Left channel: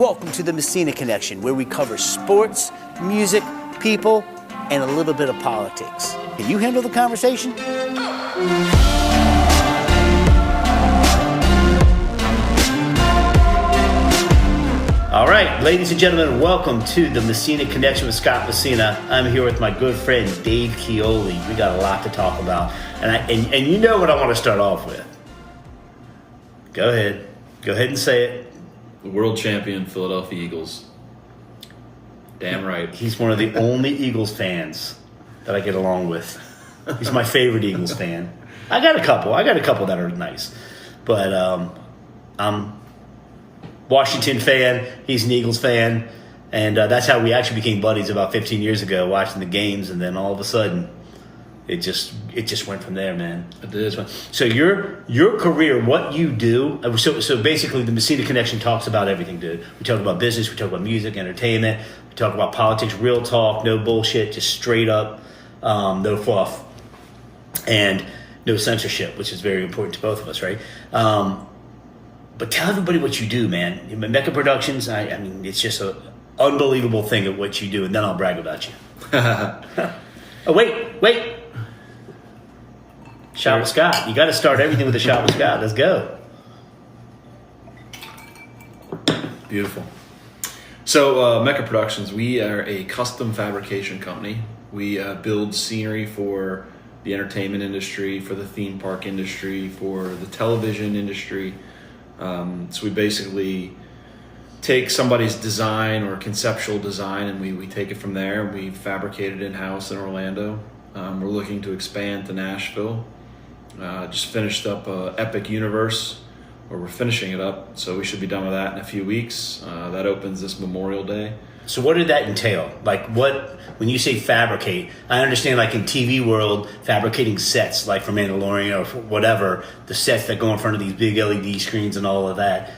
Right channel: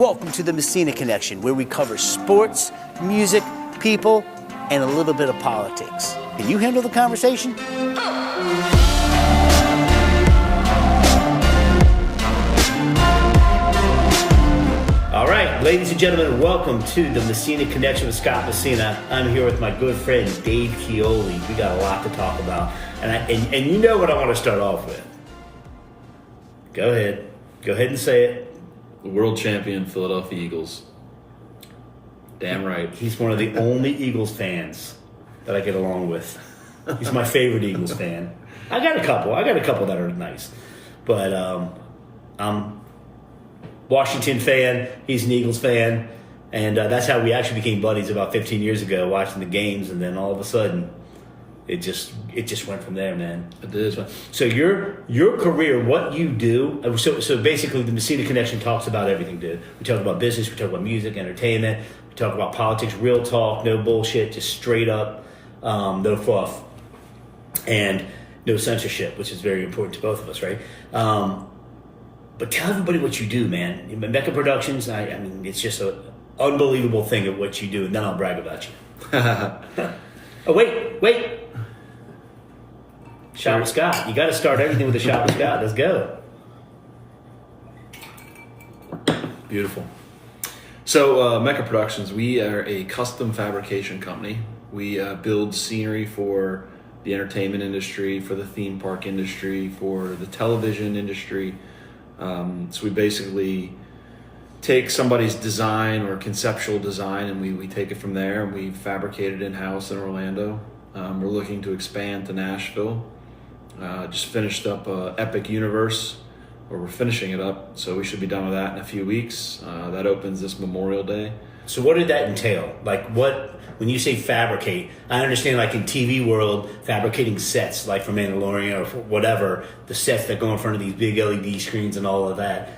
Welcome to the Messina Connection, where we cover sports, music, people, and a little bit of politics. Can you handle the conversation? All right, ladies and gentlemen, welcome to the Messina Connection with Scott Messina. I'm here with my good friend Dave Chioli. We got a lot to talk about, and you know what I want to start off with. Go ahead and say it. The world champion Philadelphia Eagles. Damn right. He's one of the only Eagles fans that I get along with. He's my favorite Eagles fan. I got a couple that are nice. But I'm Washington fan. He's an Eagles fan. And that's how we actually became buddies about 15 years ago, watching the games. And then all of a sudden, it just went from there, man. It did. So your career, what you do. So basically, the Messina Connection talks about everything, dude. We talk about business, we talk about music, entertainment, we talk about politics, real talk, no bullshit, just straight up, no fluff, and no censorship, which is very important to both of us, right? But tell everybody what you do, man. Mecca Productions. I mean, it's just an unbelievable thing at what you do, and then I'll brag about you. Oh wait. Shot with Scott. You got to start everything with a shot with Scott. Let's go. Beautiful. So, Mecca Productions, we are a custom fabrication company. We build scenery for the entertainment industry, for the theme park industry, for the television industry. So we basically take somebody's design or conceptual design and we take it from there and we fabricate it in-house in Orlando. We're looking to expand to Nashville. Just finished up Epic Universe, or we're finishing it up, so we should be done with that in a few weeks. That opens this Memorial Day. So what did that entail? Like when you say fabricate, I understand like in TV world, fabricating sets, like for Mandalorian or for whatever, the sets that go in front of these big LED screens and all of that.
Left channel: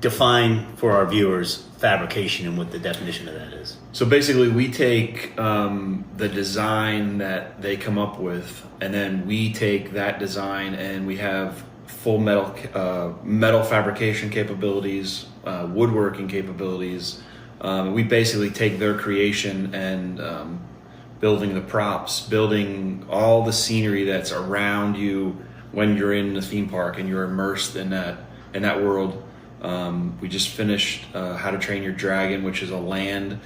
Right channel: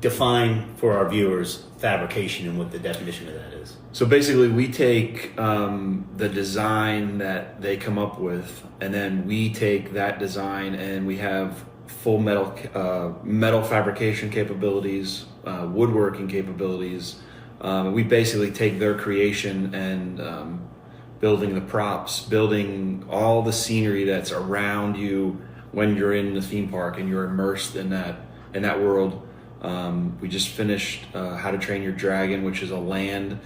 Define for our viewers fabrication and what the definition of that is. So basically we take the design that they come up with, and then we take that design and we have full metal fabrication capabilities, woodworking capabilities. We basically take their creation and building the props, building all the scenery that's around you when you're in the theme park and you're immersed in that world. We just finished How to Train Your Dragon, which is a land.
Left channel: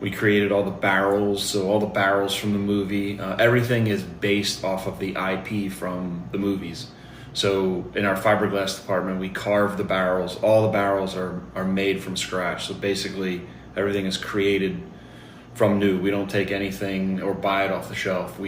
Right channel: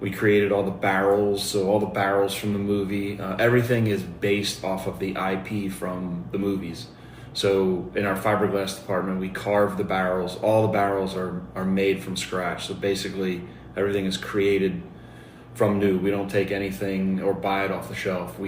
We created all the barrels, so all the barrels from the movie. Everything is based off of the IP from the movies. So in our fiberglass department, we carve the barrels. All the barrels are made from scratch. So basically, everything is created from new. We don't take anything or buy it off the shelf.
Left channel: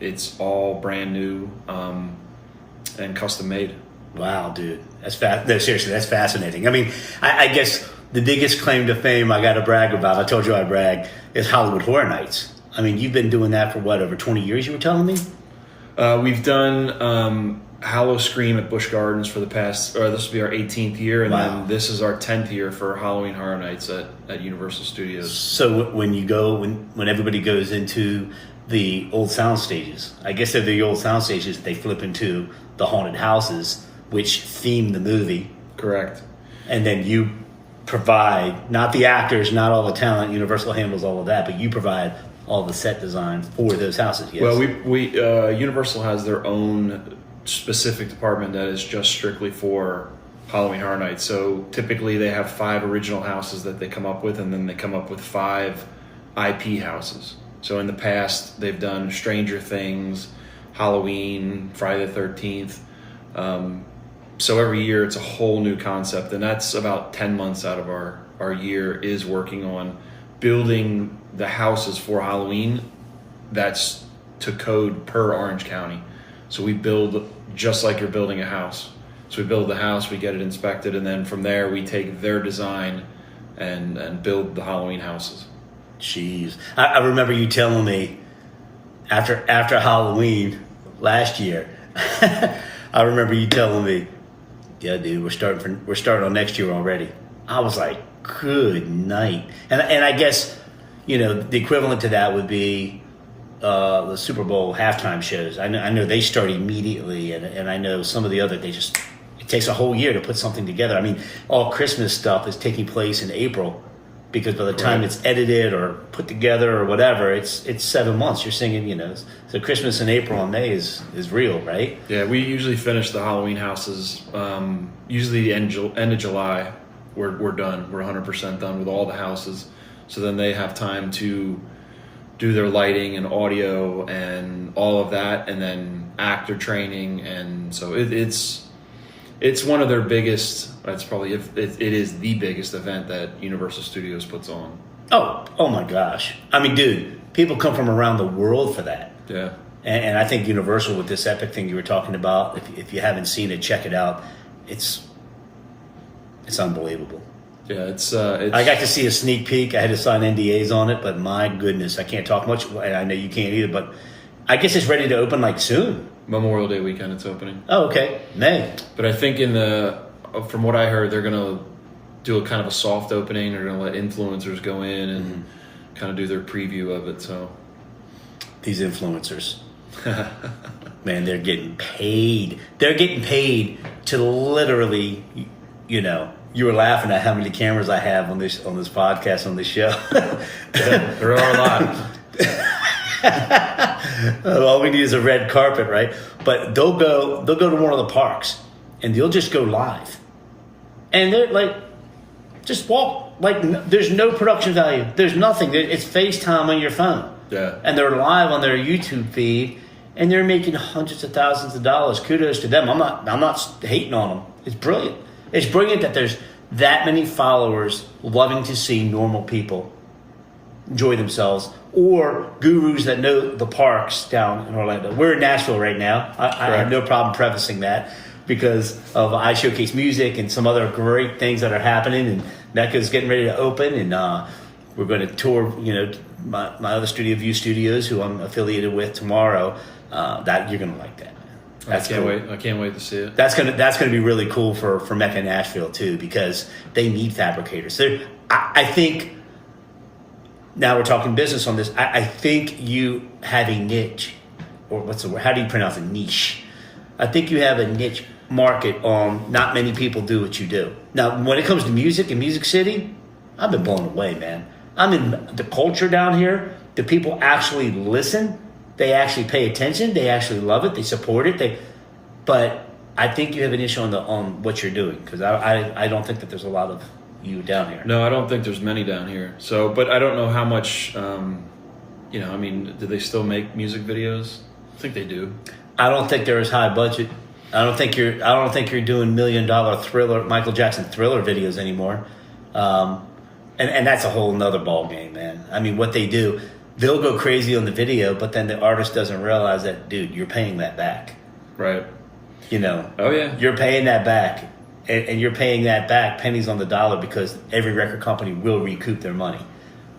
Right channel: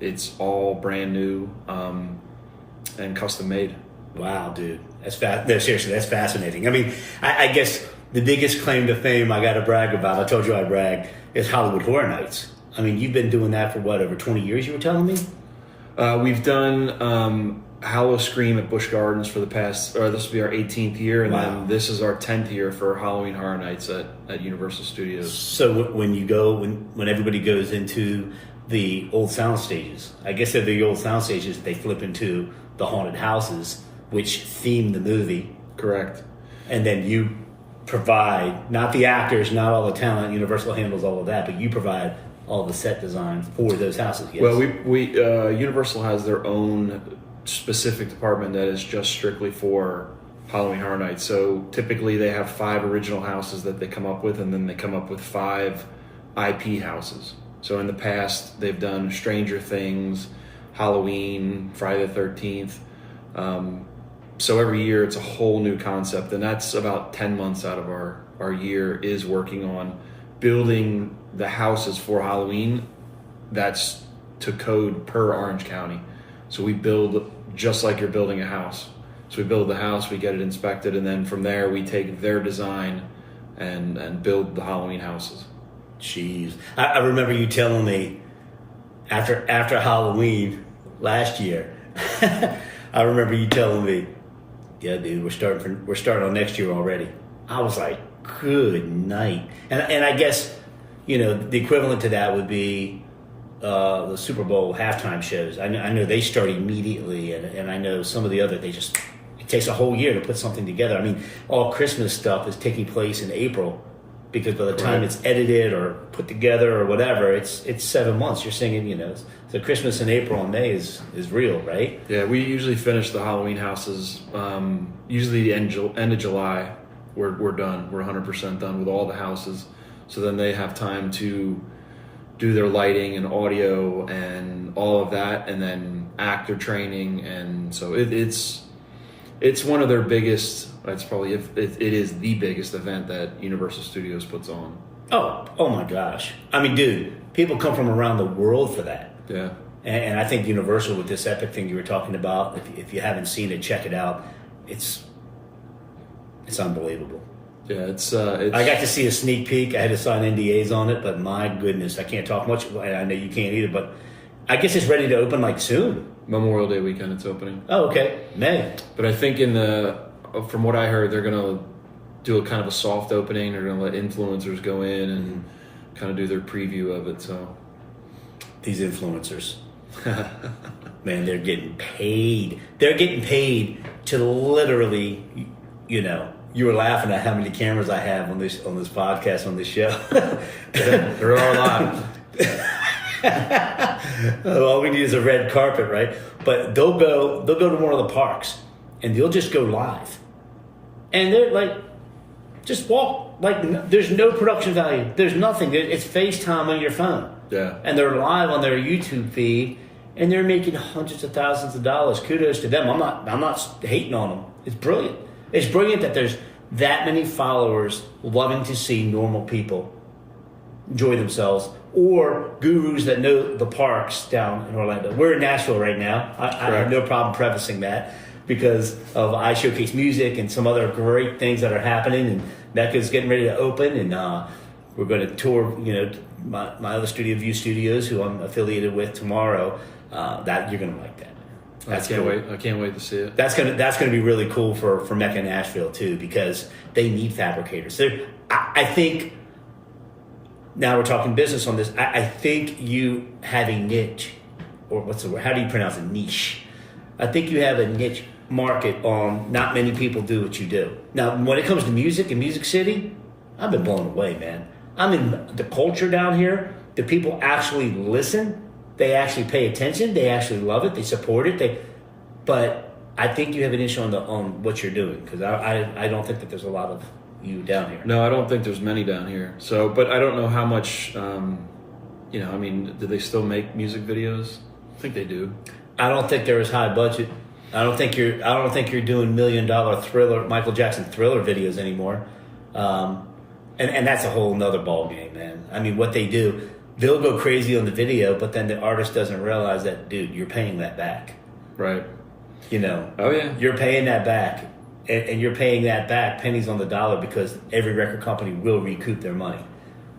It's all brand new and custom made. Wow, dude. No, seriously, that's fascinating. I mean, I guess the biggest claim to fame I got to brag about, I told you I brag, is Hollywood Horror Nights. I mean, you've been doing that for what, over 20 years, you were telling me? We've done Hallow Scream at Busch Gardens for the past, or this will be our 18th year, and then this is our 10th year for Halloween Horror Nights at Universal Studios. So when everybody goes into the old sound stages, I guess they're the old sound stages, they flip into the haunted houses, which theme the movie. Correct. And then you provide, not the actors, not all the talent, Universal handles all of that, but you provide all the set design for those houses. Yes? Well, we Universal has their own specific department that is just strictly for Halloween Horror Nights. So typically they have 5 original houses that they come up with, and then they come up with 5 IP houses. So in the past, they've done Stranger Things, Halloween, Friday the 13th. So every year it's a whole new concept, and that's about 10 months out of our year is working on building the houses for Halloween. That's to code per Orange County. So we build just like you're building a house. So we build the house, we get it inspected, and then from there we take their design and build the Halloween houses. Jeez. I remember you telling me after Halloween last year, I remember you telling me, yeah, dude, we're starting on next year already. I was like, good night. And I guess, the equivalent to that would be the Super Bowl halftime shows. I know they start immediately, and I know some of the other, they just It takes a whole year to put something together. I mean, all Christmas stuff is taking place in April because by the time it's edited or put together or whatever, it's 7 months. You're singing, so Christmas in April and May is real, right? Yeah, we usually finish the Halloween houses usually the end of July. We're done. We're 100% done with all the houses. So then they have time to do their lighting and audio and all of that, and then actor training, and so it's one of their biggest. It's probably it is the biggest event that Universal Studios puts on. Oh my gosh! I mean, dude, people come from around the world for that. Yeah, and I think Universal with this Epic thing you were talking about. If you haven't seen it, check it out. It's unbelievable. Yeah, it's. I got to see a sneak peek. I had to sign NDAs on it, but my goodness, I can't talk much. I know you can't either, but I guess it's ready to open like soon. Memorial Day weekend, it's opening. Oh, okay, May. But I think from what I heard, they're gonna do a kind of a soft opening. They're gonna let influencers go in and kind of do their preview of it. So these influencers, man, they're getting paid. They're getting paid to literally, You were laughing at how many cameras I have on this podcast, on this show. Yeah, there are a lot. All we need is a red carpet, right? But they'll go to one of the parks and they'll just go live. And they're like, just walk. Like, there's no production value. There's nothing. It's FaceTime on your phone. Yeah. And they're live on their YouTube feed and they're making hundreds of thousands of dollars. Kudos to them. I'm not hating on them. It's brilliant. It's brilliant that there's that many followers loving to see normal people enjoy themselves, or gurus that know the parks down in Orlando. We're in Nashville right now. I have no problem prefacing that because of I Showcase Music and some other great things that are happening, and Mecca's getting ready to open, and we're going to tour, my other studio, View Studios, who I'm affiliated with tomorrow. That you're going to like that. I can't wait. I can't wait to see it. That's gonna be really cool for Mecca Nashville too, because they need fabricators. I think now we're talking business on this. I think you have a niche, or what's the word? How do you pronounce it? Niche. I think you have a niche market on not many people do what you do. Now, when it comes to music and Music City, I've been blown away, man. I mean, the culture down here, the people actually listen. They actually pay attention. They actually love it. They support it. But I think you have an issue on what you're doing, because I don't think that there's a lot of you down here. No, I don't think there's many down here. So, but I don't know how much. I mean, do they still make music videos? I think they do. I don't think they're as high budget. I don't think you're doing $1 million Thriller, Michael Jackson Thriller videos anymore. And that's a whole nother ball game, man. I mean, what they do. They'll go crazy on the video, but then the artist doesn't realize that, dude, you're paying that back. Right. Oh, yeah. You're paying that back. And you're paying that back pennies on the dollar, because every record company will recoup their money.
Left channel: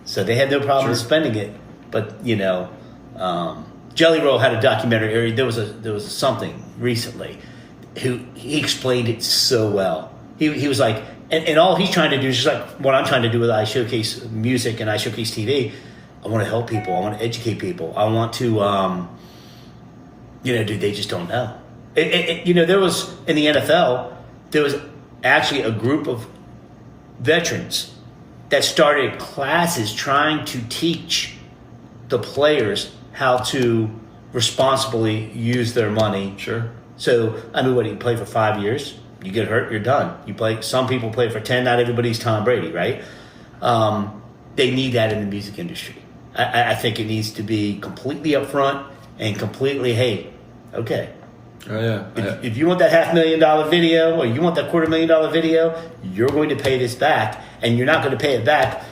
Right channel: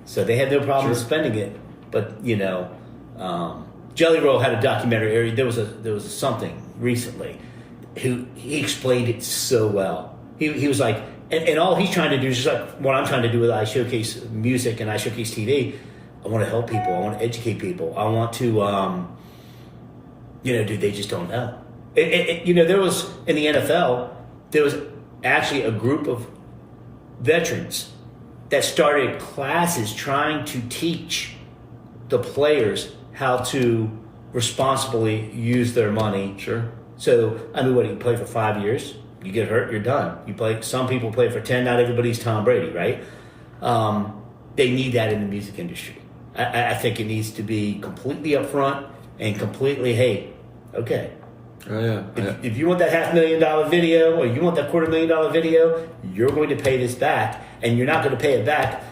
So they had no problem spending it. But, Jelly Roll had a documentary. There was a something recently. He explained it so well. He was like, and all he's trying to do is just like what I'm trying to do with I Showcase Music and I Showcase TV. I want to help people. I want to educate people. I want to, dude, they just don't know. There was, in the NFL, there was actually a group of veterans that started classes trying to teach the players how to responsibly use their money. Sure. So, I mean, you play for 5 years, you get hurt, you're done. You play. Some people play for 10. Not everybody's Tom Brady, right? They need that in the music industry. I think it needs to be completely upfront and completely, hey, okay. Oh, yeah. If you want that $500,000 video, or you want that $250,000 video, you're going to pay this back, and you're not going to pay it back.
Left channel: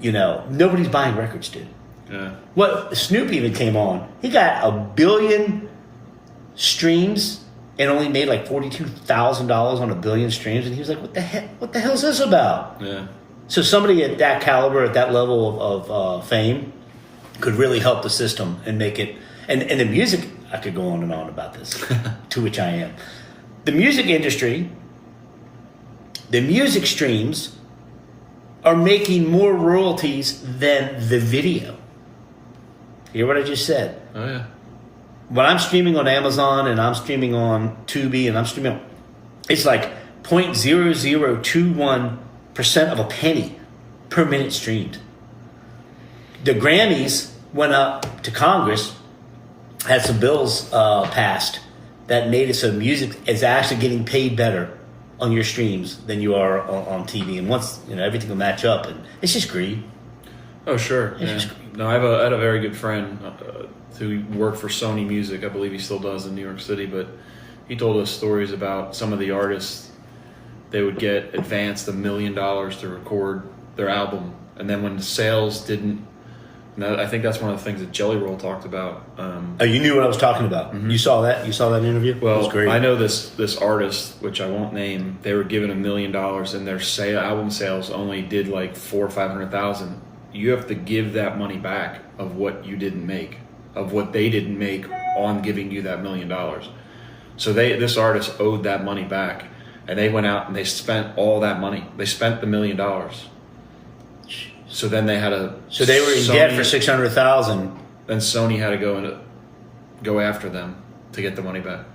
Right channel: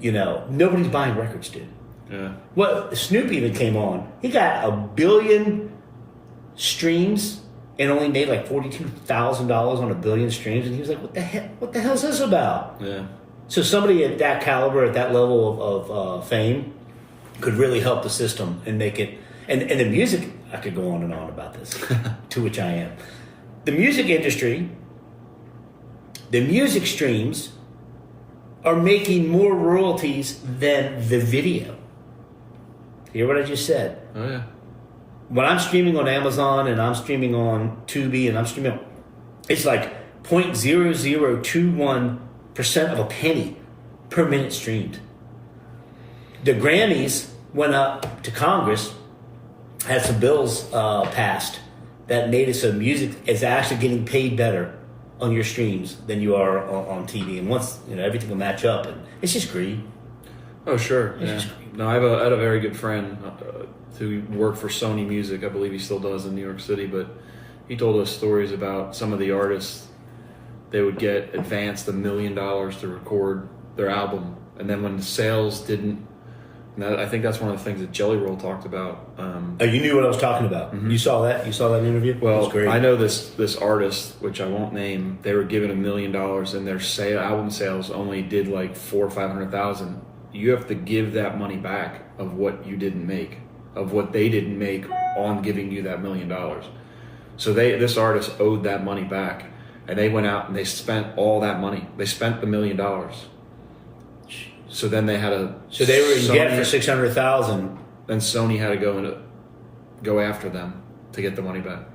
Nobody's buying records, dude. Yeah. Well, Snoop even came on. He got 1 billion streams and only made like $42,000 on 1 billion streams, and he was like, "What the heck? What the hell is this about?" Yeah. So somebody at that caliber, at that level of fame, could really help the system and make it. And the music, I could go on and on about this, to which I am. The music industry, the music streams are making more royalties than the video. Hear what I just said? Oh, yeah. When I'm streaming on Amazon and I'm streaming on Tubi and I'm streaming It's like 0.0021% of a penny per minute streamed. The Grammys went up to Congress, had some bills passed that made it so music is actually getting paid better on your streams than you are on TV. And once, everything will match up, and it's just greed. Oh, sure. Yeah. No, I had a very good friend who worked for Sony Music. I believe he still does in New York City, but he told us stories about some of the artists. They would get advanced $1 million to record their album, and then when the sales didn't, I think that's one of the things that Jelly Roll talked about. Oh, you knew what I was talking about. Mm-hmm. You saw that? You saw that interview? Well, it was great. I know this artist, which I won't name. They were given $1 million, and their album sales only did like 400,000 or 500,000. You have to give that money back of what you didn't make, of what they didn't make on giving you that $1 million. So this artist owed that money back, and they went out and they spent all that money. They spent the $1 million. So then they had a. So they were in debt for 600,000. Then Sony had to go after them to get the money back.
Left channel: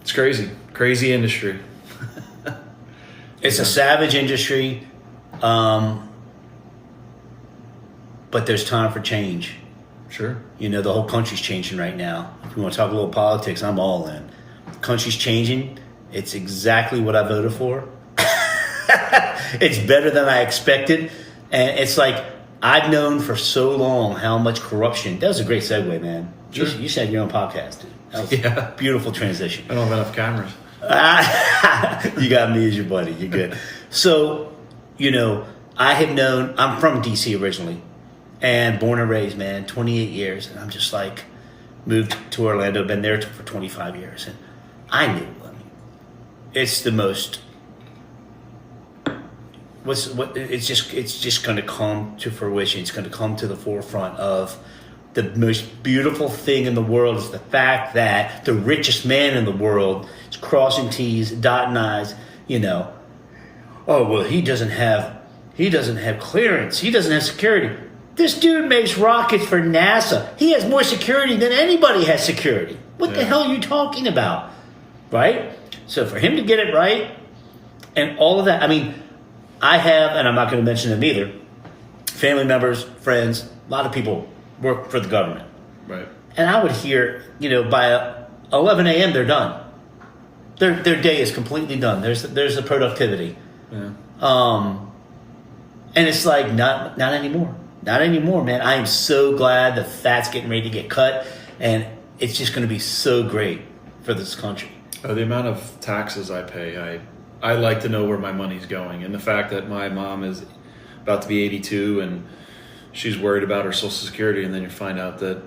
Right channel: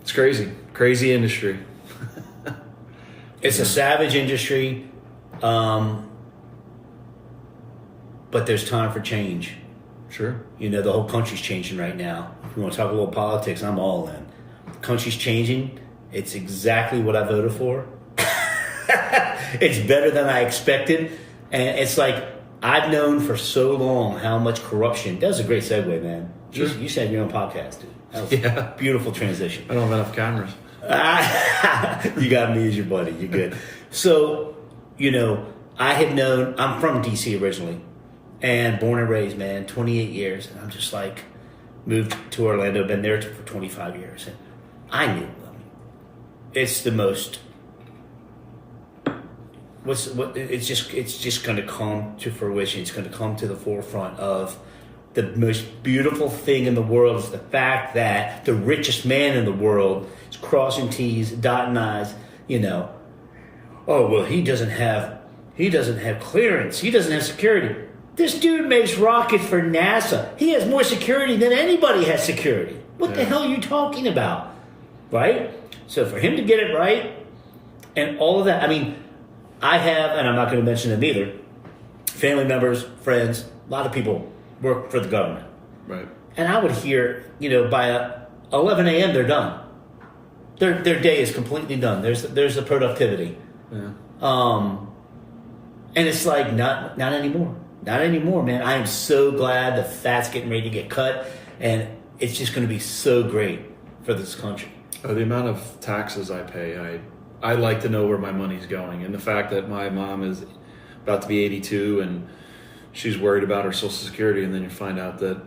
It's crazy industry. It's a savage industry, but there's time for change. Sure. The whole country's changing right now. If we want to talk a little politics, I'm all in. The country's changing. It's exactly what I voted for. It's better than I expected. And it's like, I've known for so long how much corruption. That was a great segue, man. Sure. You said your own podcast, dude. That was a beautiful transition. I don't have enough cameras. You got me as your buddy. You're good. So, I have known, I'm from D.C. originally, and born and raised, man, 28 years. And I'm just like, moved to Orlando, been there for 25 years. And I knew, it's the most... it's just going to come to fruition. It's going to come to the forefront of the most beautiful thing in the world is the fact that the richest man in the world is crossing T's, dotting I's. Oh well, he doesn't have clearance. He doesn't have security. This dude makes rockets for NASA. He has more security than anybody has security. What the hell are you talking about? Right? So for him to get it right and all of that, I have, and I'm not going to mention them either, family members, friends, a lot of people work for the government. Right. And I would hear, by 11 a.m. they're done. Their day is completely done. There's the productivity. Yeah. And it's like, not anymore. Not anymore, man. I am so glad the fat's getting ready to get cut, and it's just going to be so great for this country. The amount of taxes I pay, I like to know where my money's going. And the fact that my mom is about to be 82 and she's worried about her Social Security, and then you find out that,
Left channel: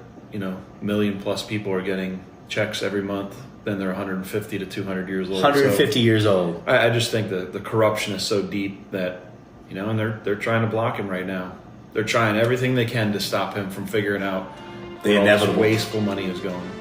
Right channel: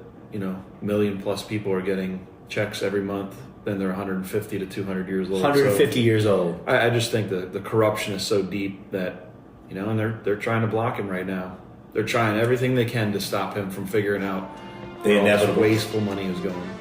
million plus people are getting checks every month, then they're 150 to 200 years old. 150 years old. I just think that the corruption is so deep that, and they're trying to block him right now. They're trying everything they can to stop him from figuring out where all this wasteful money is going.